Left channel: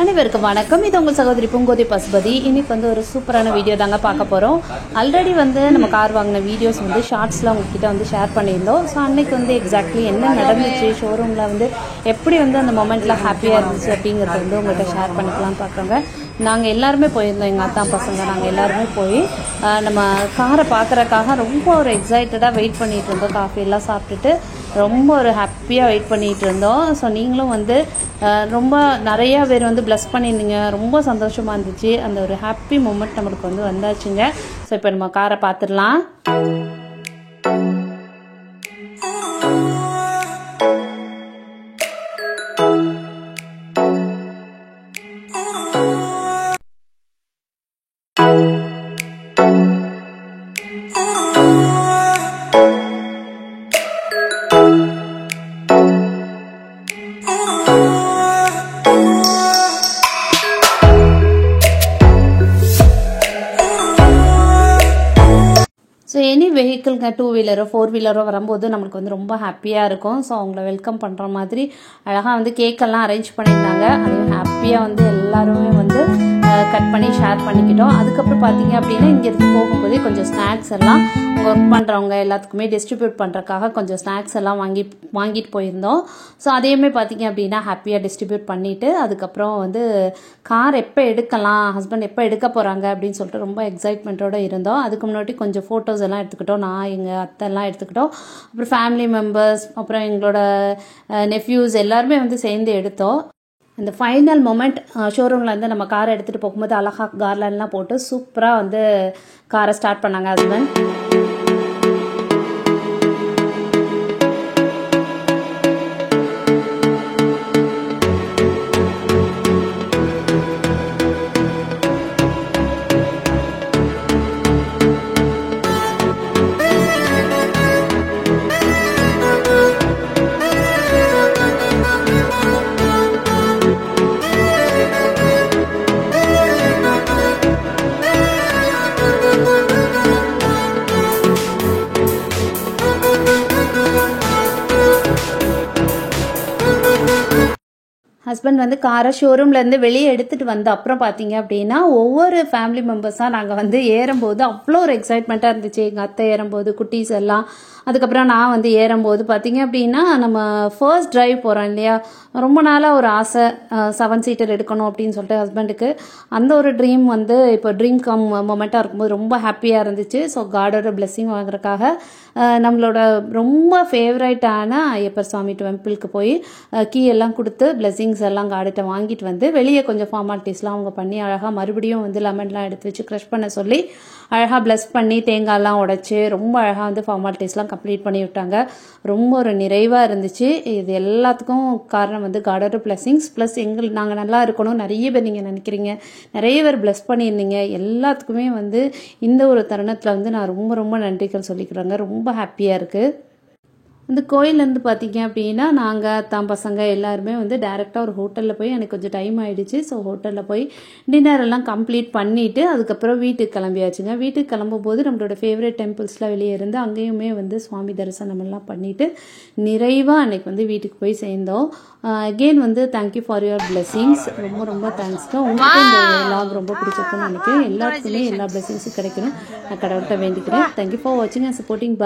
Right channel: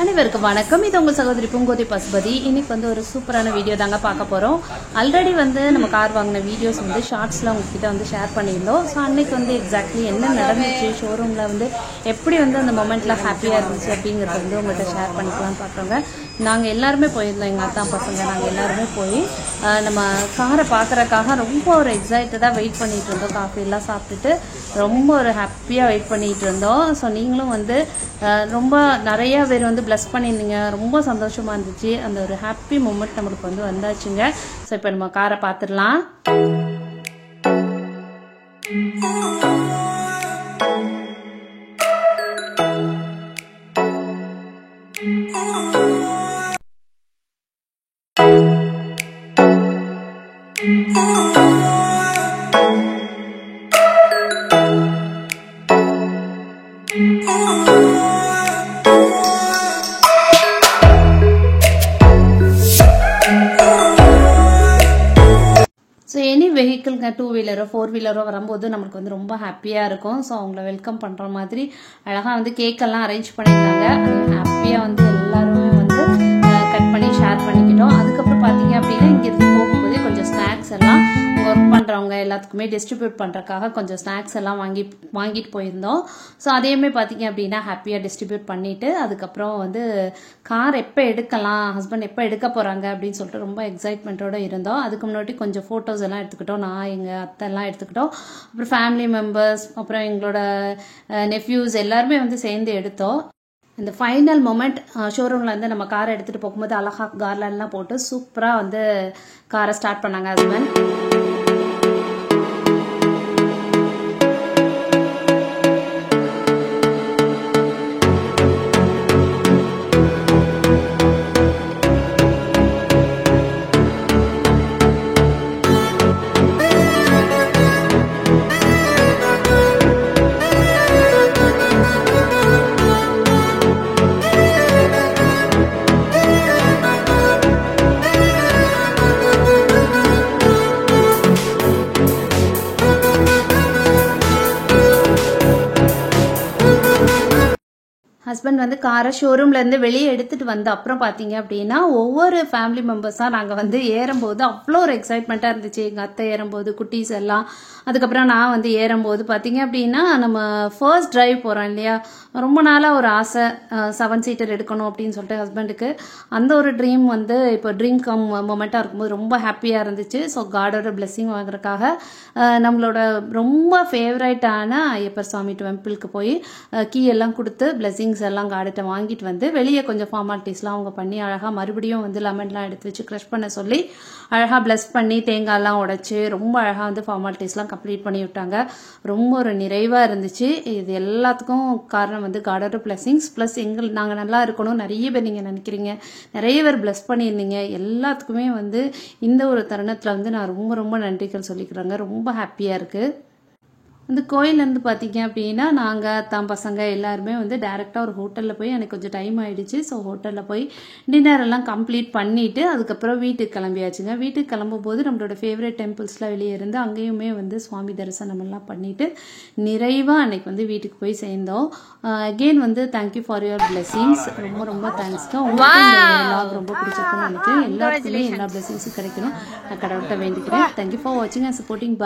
அனைவருக்கும் வணக்கம். இது உங்கள் சகோதரி பூங்கோதை பசுபதி. இன்னைக்கு வந்து ஒரு சூப்பரான வீடியோ தாங்க பார்க்க போறோம். ஆல்ரெடி வந்து நம்ம கார் வாங்கின வீடியோஸ் வந்து ஷார்ட்ஸ்ல உங்ககிட்ட வந்து ஷேர் பண்ணியிருந்தோம். ஸோ அன்னைக்கு வந்து எக்ஸாக்ட்லி என்ன நடந்துச்சு, ஷோரூம்ல வந்து எப்படி வந்து அந்த மொமெண்ட்ல ஹாப்பியா இருந்துச்சு அப்படிங்கறத வந்து உங்கள்கிட்ட ஷேர் பண்ணிக்கலாம்னு பாக்குறோங்க. நாங்கள் எல்லாருமே போயிருந்தோம், எங்கள் அத்தா பசங்க நாங்கள் எல்லாருமே போய் நம்ம காரை பார்க்கறதுக்காக ரொம்ப ஒரு எக்ஸைட்டடாக வெயிட் பண்ணிட்டு இருந்தோம். காஃபி எல்லாம் சாப்பிட்டுட்டு ரொம்ப ஒரு ஹாப்பியாக வெயிட் பண்ணிட்டு இருந்தோம். ஸோ நீங்களும் வந்து ரொம்ப நிறைய பேர் வந்து பிளஸ் பண்ணியிருந்தீங்க, ரொம்ப சந்தோஷமா இருந்துச்சு. அந்த ஒரு ஹாப்பி மூமெண்ட் நம்மளுக்கு வந்து வந்தாச்சுங்க. ஸோ இப்போ நம்ம காரை பார்த்துடலாம். ஸோ எனி வெஹிக்கிள்ங்க, 2 வீலரோ 4 வீலரோ வரும்போது நம்மளுக்கு வந்து ரொம்ப ஹாப்பியாக இருக்கும். ஸோ அவங்கள வெல்கம் பண்ணுற மாதிரி அழகாக வந்து கேக்கெல்லாம் அரேஞ்ச் பண்ணியிருந்தாங்க. அதையும் ஹாப்பியாக வந்து எல்லாருமே வந்து கட் பண்ணி ஷேர் பண்ணிக்கிட்டோம். அதுக்கப்புறம் பார்த்தீங்க அப்படின்னா இங்கேருந்து போகும்போதே கொஞ்சம் ஸ்நாக்ஸ் எல்லாம் அங்கே ஒர்க் பண்ணுறவங்க எல்லாத்துக்குமே டிஸ்ட்ரிபியூட் பண்ணுறதுக்காக கொஞ்சம் ஸ்நாக்ஸ் எல்லாம் வாங்கிட்டு போயிருந்தோம். ஸோ அதையுமே பார்த்தீங்க அப்படின்னா ஹாப்பியாக டிஸ்ட்ரிபியூட் பண்ணிவிட்டு அதுக்கப்புறம் வந்து கார் எப்போ எடுக்கலாம், ஹஸ்பண்ட் எப்போ எடுக்க போகிறாங்க அப்படின்னு சொல்லிட்டு ரொம்ப எக்ஸைட்மெண்ட்டோடு இருந்தோம். அதுக்கு முன்னாடி கொஞ்சம் ஃபோட்டோஸ் எல்லாம் எடுத்துக்கிட்டோம். நான் எங்கள் அத்தைலாம் எடுத்துக்கிட்டோம். அப்புறம் ஃபேமிலி மெம்பர்ஸ், அப்புறம் எங்களோட நெஃப்யூஸ் எல்லாருமே வந்து சேர்ந்து எடுத்தோம். அந்த ஃபைனல் மொமெண்ட் ஷோரூமில் வந்து நம்ம காரை எடுத்துகிட்டு போகும்போது அழகாக கார்லன்லாம் போட்டு சூப்பராக வந்து காரை ஸ்டார்ட் பண்ணாங்க ஹஸ்பண்ட். ஹஸ்பண்ட் வந்து காரை ஷோரூம்லேருந்து வெளியே எடுத்துகிட்டு வந்து அப்புறம் பார்த்தீங்க அப்படின்னா ஒவ்வொரு ஃபேமிலி மெம்பர்ஸாக நாங்கள் வந்து ஏறும்போது அவ்வளோ ஒரு எக்ஸைட்மெண்ட்டாக இருந்துச்சு. எங்கள் அத்தை ஏறும்போது, குட்டீஸ் எல்லாம், அதுக்கப்புறம் நான் வந்து ஏறும்போது பார்த்தீங்க அப்படின்னா நம்ம ஃபர்ஸ்ட் டிரைவ் போகிறோம் இல்லையா, ரொம்ப நாளாக ஒரு ஆசை 7 சீட்டர் எடுக்கணும் அப்படின்னு சொல்லிட்டு ஹஸ்பண்டுக்கு. அந்த ஒரு ட்ரீம் வந்து இப்போ ட்ரீம் கம் மொமெண்ட்டாக இருக்கும்போது ரொம்ப ஹாப்பியாக இருந்துச்சு. ஸோ காடோட பிளெஸிங் வாங்குறதுக்காக நம்மளோட ரொம்ப ஃபேவரட்டான ஐயப்பர் சாமி டெம்பிளுக்கு போய் கீ எல்லாம் கொடுத்து பிளெஸிங்ஸ் எல்லாம் கார்டுகிட்ட வாங்கிட்டு வந்து வெளியே கொஞ்சம் ஃபார்மாலிட்டிஸ்லாம் அவங்க பண்ணி அழகாக மறுபடியும் வந்து லெமன்லாம் எடுத்து வச்சு க்ரஷ் பண்ண சொல்லி அழகாக பிளஸ் பண்ணி தேங்காய்லாம் உடைச்சு ரொம்ப அழகாக வந்து ஃபார்மாலிட்டிஸ்லாம் கம்ப்ளீட் பண்ணி விட்டாங்க. ரொம்ப ஒரு நிறைவாக இருந்துச்சு. இது எல்லாத்துக்கும் காரணம் வந்து காடோட பிளெஸிங்ஸ் ப்ளஸ் நாங்கள் நல்லா இருக்கணும். நிறைய பேர் நீங்கள் நினைக்கிறீங்க, நிறைய பேர் பிளஸ் பண்ணியிருந்தீங்க. எல்லாத்துக்குமே வந்து இந்த ஒரு தருணத்தில் வந்து நான் ரொம்ப ரொம்ப நன்றிகள் சொல்லிக்கிறேங்க. ரொம்ப ஹாப்பியாக இருக்குது. இந்த கோயிலேருந்து பார்த்தீங்க அப்படின்னா நாங்கள் தான் பசங்க எல்லாருமே வந்து டைரெக்டாக ஒரு ஹோட்டலில் போய் எனக்கு கொஞ்சம் டைம் ஆகிடுச்சு. ஸோ ஹோட்டலில் போய் டின்னர் எல்லாம் கம்ப்ளீட் பண்ணிவிட்டு அதுக்கப்புறம் வீட்டுக்கு கிளம்பியாச்சுங்க. வீட்டுக்கு கிளம்பும்போது நம்மளோட ஃபேவரட் டெம்பிள்ஸில் வெளியே இருந்து அங்கேயுமே வந்து சுவாமி தரிசனம் எல்லாம் பண்ணிவிட்டு நிறைவாக அன்னைக்கு வந்து வீட்டுக்கு போய் சேர்ந்தோம். அகெயின் வந்து தேங்க்யூ ஃபார் யுவர் பிளெஸிங்ஸ். ரொம்ப ரொம்ப தேங்க்ஸ்க்கு. உங்களுக்கு இந்த vlog ரொம்ப பிடிச்சிருக்குன்னு நினைக்கிறேன். எல்லாருக்குமே எல்லா பிளெஸிங்ஸும் கிடைக்கணும் நான் கடவுள்கிட்ட வேண்டிக்கிறேன். தேங்க்யூ ஃபார் வாட்சிங் அண்ட் சப்போர்ட்டிங்.